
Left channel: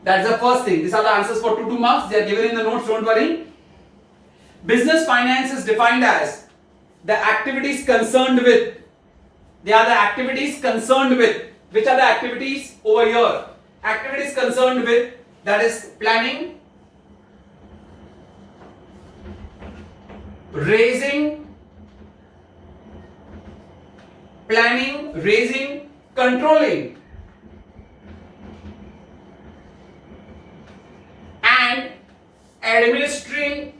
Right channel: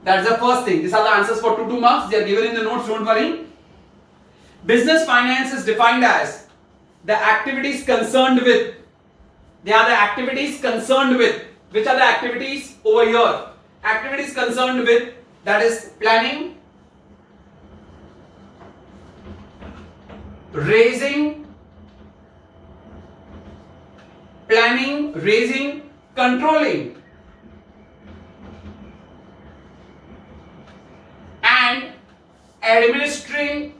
That's the first thing. These are the answers for 2 marks. They are given in the notes, don't worry. Business finance is defined as the activities concerned with. They are the activities concerned with. Which are the activities over here? Activities concerned with, that is planning, raising, controlling, and administrating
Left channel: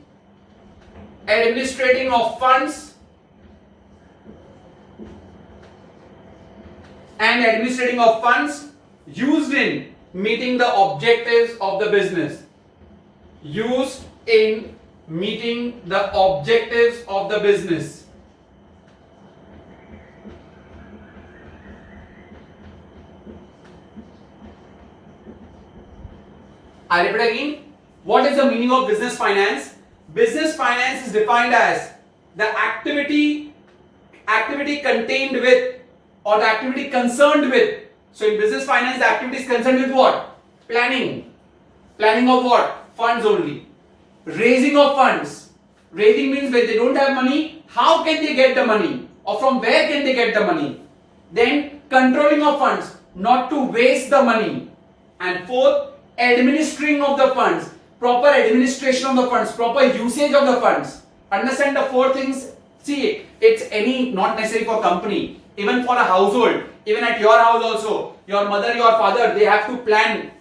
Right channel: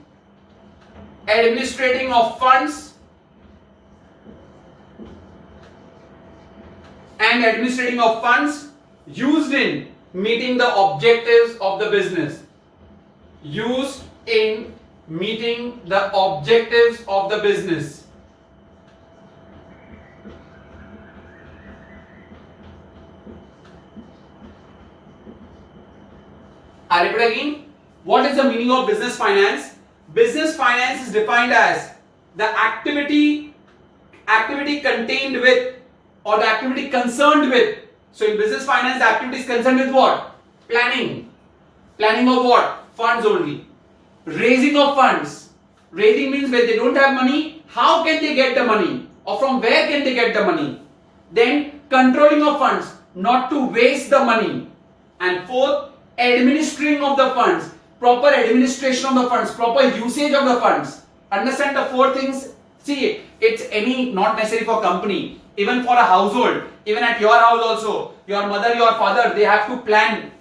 of funds, used in meeting the objectives of the business. Used in meeting the objectives of the business. I repeat again. What is the meaning of business finance? Business finance is defined as the activity contained with, or the activity concerned with. So in business finance, the activity is concerned with what? Planning. Planning of what? Funds only. Raising of funds. Raising means when they don't have money, how can they get the money? Or from where can they get the money? Then controlling of funds, not to waste the money. And fourth, administering of the funds. Proper administration of the funds, proper usage of the funds. Understand the 4 things? See, it's not necessary for company. Even for a household, even at your house also, your mother, your father, they have to planning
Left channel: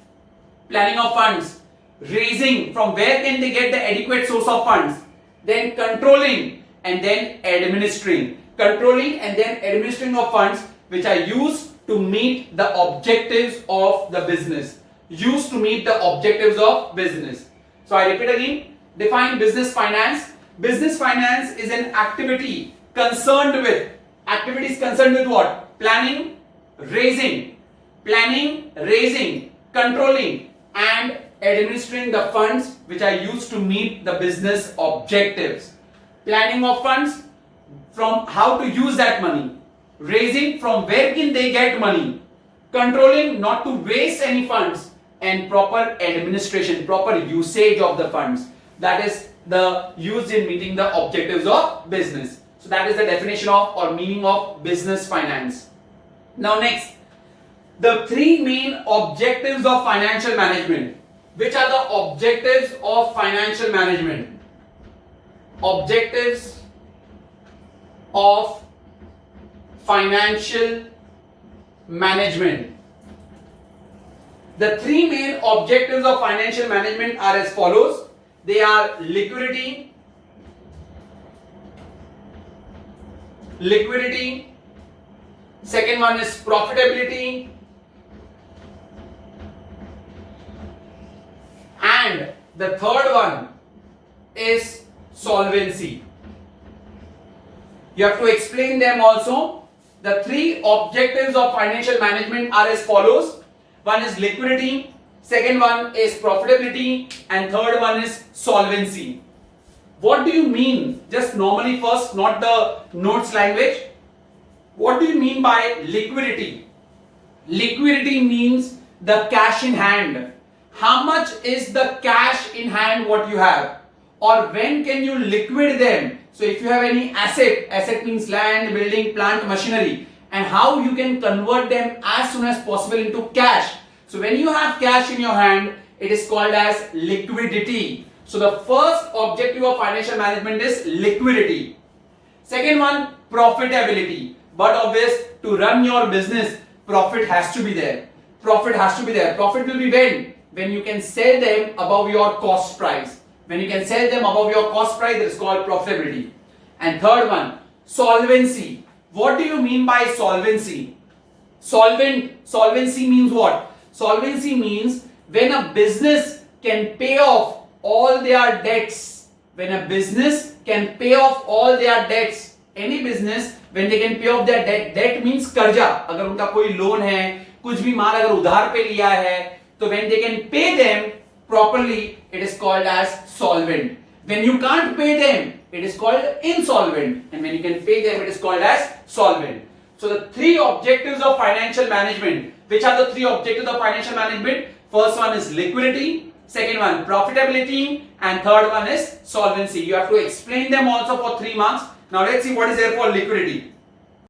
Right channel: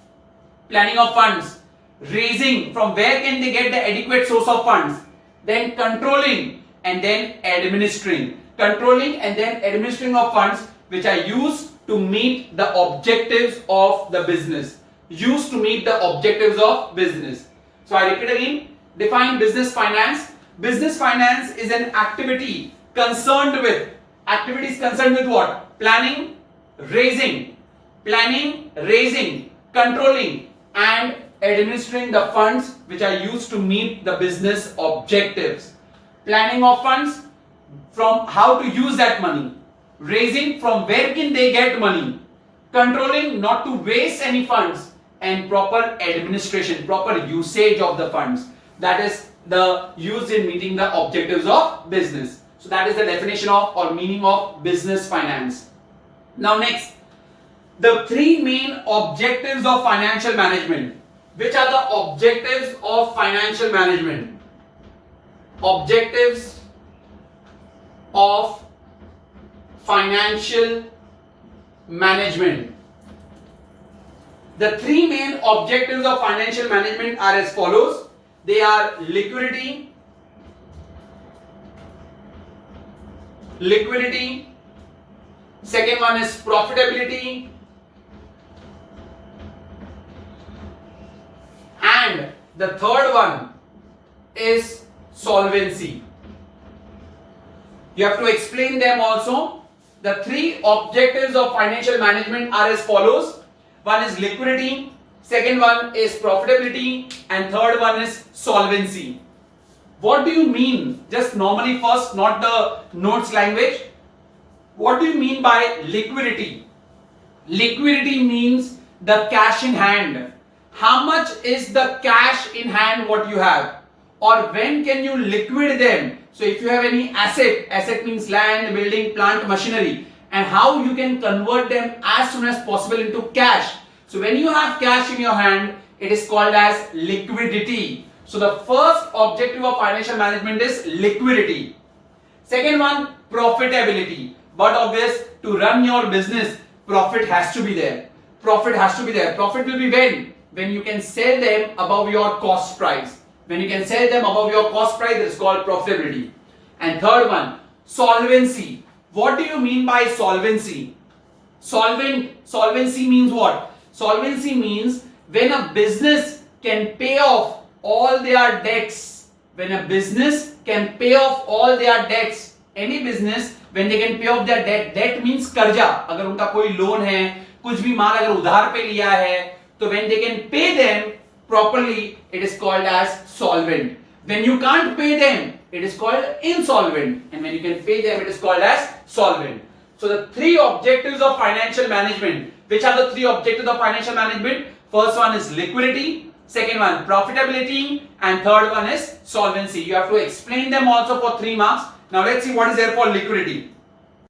of funds, raising, from where can they get the adequate source of funds, then controlling and then administering. Controlling and then administering of funds which are used to meet the objectives of the business. Used to meet the objectives of business. So I repeat again, define business finance. Business finance is an activity concerned with. Activities concerned with what? Planning, raising, controlling, and administering the funds which are used to meet the business objectives. Planning of funds, from how to use that money. Raising, from where can they get money. Controlling, not to waste any funds. And proper administration, proper usage of the funds. That is the used in meeting the objectives of business. So that is the definition of or meaning of business finance. Now next, the 3 main objectives of financial management. Which are the objectives of financial management? Objectives of financial management. The 3 main objectives of financial management are as follows. They are liquidity, second one is profitability, and the third one is solvency. You have to explain them also. The 3 objectives of financial management are as follows. One is liquidity, second one is profitability, and third one is solvency. What do you mean? Just normally first, not the notes language. What do you mean by liquidity? Liquidity means the cash in hand. How much is the cash in hand what you have? Or when can you liquidate them? So if you have any asset means land, building, plant, machinery, and how you can convert them as soon as possible into cash. So when you have cash in your hand, it is called as liquidity. So the first objective of financial management is liquidity. Second one, profitability. But obvious, to run your business, profit has to be there. Profit has to be there. Profit will be when you can sell them above your cost price. When you can sell them above your cost price, it is called profitability. And third one, solvency. What do you mean by solvency? Solvency means what? Solvency means when a business can pay off all their debts. When a business can pay off all their debts. Any business, when they can pay off their debt. Debt means कर्जा. अगर उनका कोई loan है, कुछ भी माल अगर उधार पे लिया है, तो when they can pay them properly, it is called as solvent. When you can't pay them, it is called insolvent. And when you can pay them, it is called as solvent. So the three objectives of financial management. Which are the three objectives of financial management? First one is liquidity, second one profitability, and third one is solvency. You have to explain them also for 3 marks. Now let's see what is there for liquidity.